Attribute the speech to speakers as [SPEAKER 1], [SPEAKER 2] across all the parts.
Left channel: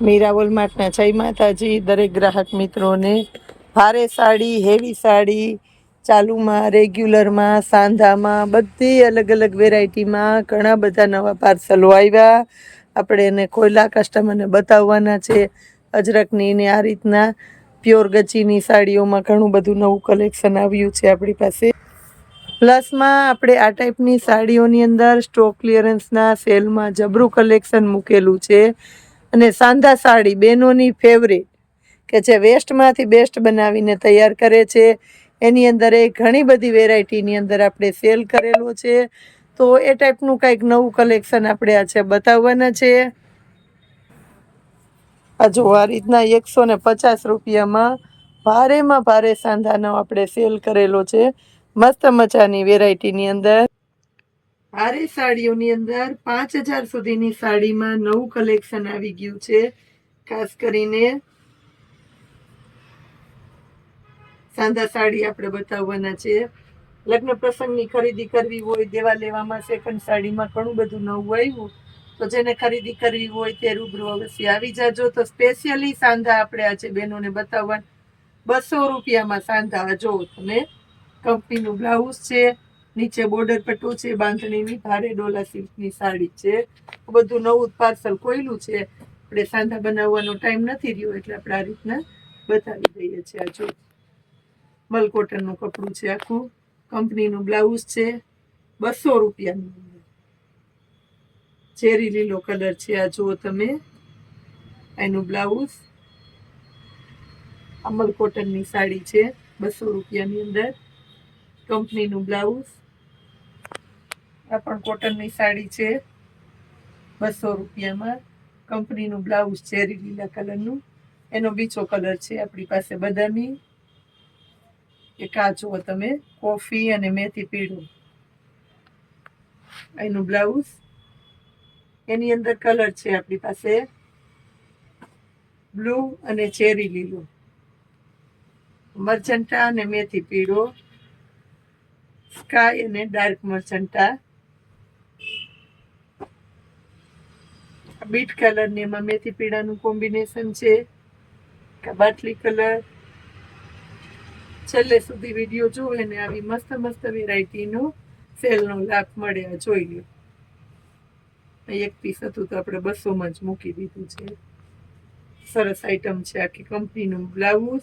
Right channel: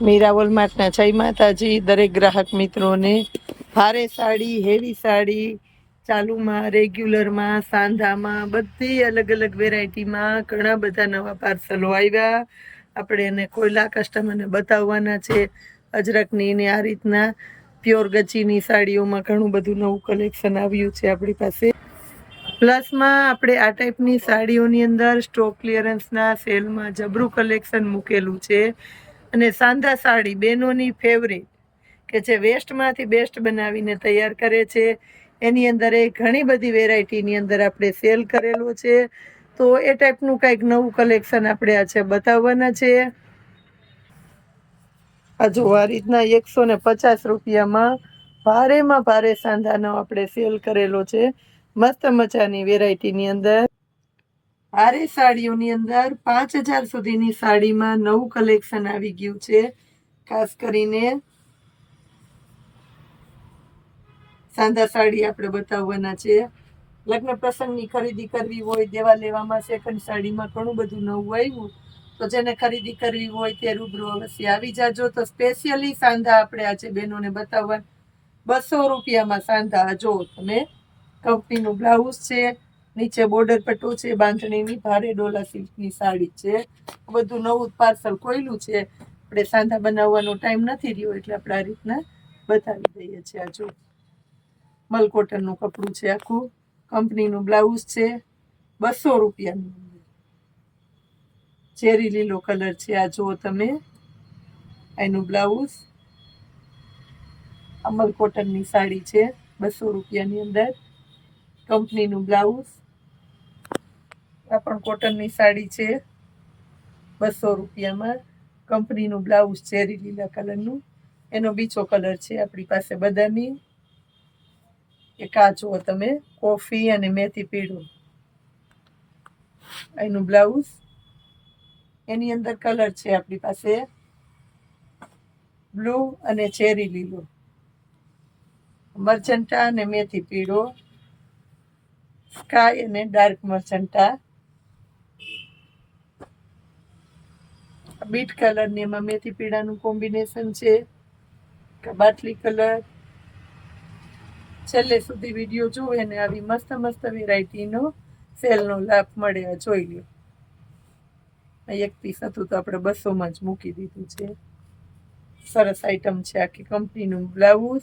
[SPEAKER 1] મીરાવલ માર્ટના જય માતાજી. દરેક ગ્રાહક મિત્રોને ભારે સાડી, હેવી સાડી, ચાલુમાં, રેગ્યુલરમાં, સાંધામાં, બધી અલગ અલગ વેરાયટીમાં ઘણા બધા નવા પાર્સલો આવ્યા. આપણે એને કોયલા કસ્ટમરને બતાવવાના છે. અજરકની ને આ રીતના પ્યોર ગચીની સાડીઓમાં ઘણું બધું નવું કલેક્શન આવ્યું છે આપણી પાસે. પ્લસમાં આપણે આ ટાઈપની સાડીઓની અંદર સ્ટોક ક્લિયરન્સના સેલમાં જબરું કલેક્શન મૂકેલું છે. અને સાંધા સાડી બહેનોની ફેવરેટ કે જે વેસ્ટમાંથી બેસ્ટ બનાવીને તૈયાર કરે છે. એની અંદર એ ઘણી બધી વેરાયટીની અંદર આપણે સેલ કરેલો છે. તો એ ટાઈપનું કંઈક નવું કલેક્શન આપણે આ છે બતાવવાના છે. આ જો આ રીતના એકસો ને પચાસ રૂપિયામાં ભારેમાં ભારે સાંધાનો આપણે સેલ કરેલો છે. મસ્ત મજાની વેરાયટીની અંદર. ભારે સાડીઓની અંદર પાંચ હજાર સુધીની સાડીમાં નવું કલેક્શન આવી ગયું છે. ખાસ કરીને સાંધા સાડી આપણે બતાવવાના છે. લગ્ન પ્રસંગની ખરીદી કરવી હોય, દેવા લેવામાં સેકન્ડ સાડીમાં ઘણું બધું નવું આવ્યું, તો જેને ખરીદી કરવી હોય તે રૂબરૂ અવશ્ય આવી જાજો. તો સ્પેશિયલી સાંધા આપણે આજે બહેનોને બતાવવા બસો રૂપિયામાં સાંધા, જો તમે કંપનીનું બ્લાઉઝ છે નીચે બોર્ડર પટ્ટો છે બાંધણીની ભારે ડોલા સિલ્કની સાડી છે. બધું નવું પાર્સલ કોયલું છે. આપણે સાંધા બનાવવાનો ટાઈમ નથી રહ્યો એટલે આપણે આ રીતના બતાવી દઈએ છીએ આ જો. મલ કોટનનું કપડું છે આખું. કંપનીનું બ્લાઉઝ છે. બસો રૂપિયાની અંદર. ચેરી લીલો કલર છે આ જુઓ તમે. એનું બ્લાઉઝ અમલ કોટનની સાડી છે બસો રૂપિયાની અંદર. કંપનીનું બ્લાઉઝ આ પણ કોટનની સાડી છે. બસો રૂપિયામાં. કંપનીનું બ્લાઉઝ ચેરી લીલા કલરનું. એનો બીજો કલર છે આપણી પાસે બદામી. એ કાચો તમે, કોફી અને મેથી પીળો. એનું બ્લાઉઝ. એની અંદર કલર છે આપણી પાસે બ્લુ અને ચેરી લીલો. મરચંટા અને મેથી પીળો. સ્કાય અને ડાર્ક મરચંટા. બીટ કલર ને એમાં મેથી પીળાનું કોમ્બિનેશન છે. બાટલી કલર. છેલ્લે સુધી વીડિયો જોવે ને આવી મસ્ત મસ્ત વેરાયટીનો સેલનો લાભ મળે આ જોઈ લ્યો. એક પીસ હતું તો આપણે બસોમાં જ મૂકી દીધું છે. સરસ આઈટમ છે આખી કંપનીનું બ્લાઉઝ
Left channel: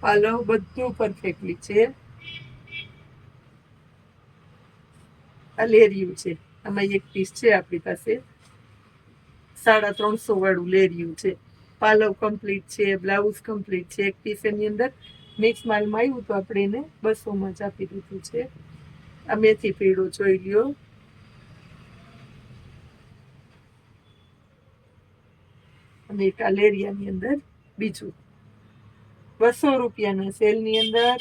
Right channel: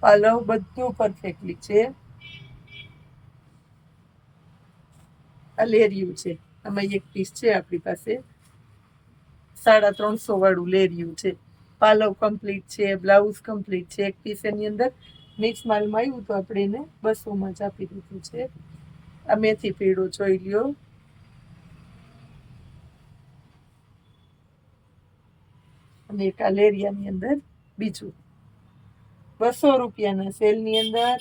[SPEAKER 1] પાલવ બધું પરફેક્ટલી છે. આ લેરિયું છે. આમાં એક પીસ છે આપણી પાસે. સાડા ત્રણસો વાળું લેરિયું છે. પાલવ કમ્પ્લીટ છે, બ્લાઉઝ કમ્પ્લીટ છે, એક પીસ એની અંદર મિક્સ માલમાં આવ્યું તો આપણે એને બસોમાં જ આપી દીધું છે. આ મેથી પીળો જોઈ લ્યો. અને એક આ લેરિયાની અંદર બીજું. બસો રૂપિયાના સેલની અંદર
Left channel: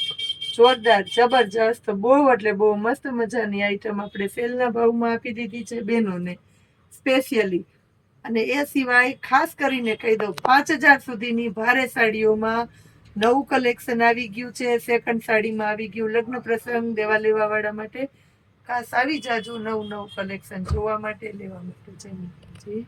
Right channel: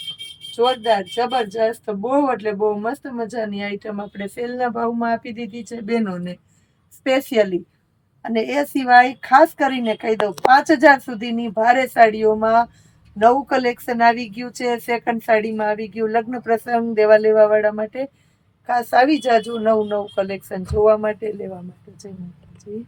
[SPEAKER 1] જોરદાર, જબરજસ્ત, બહુ એટલે બહુ મસ્ત મજાની આઈટમ આપણે સેલના ભાવમાં આપી દીધી છે બહેનોને સ્પેશિયલી અને એ સિવાય ખાસ કરીને કહી દઉં, પાંચ હજાર સુધીની ભારે સાડીઓમાં નવું કલેક્શન આવી ગયું છે. સેકન્ડ સાડીમાં આવી ગયું લગ્ન પ્રસંગ, દેવા લેવા વાળા માટે ખાસ આવી જાજો નવું નવું કલેક્શન જોવા માટે, લેવા માટે જય માતાજી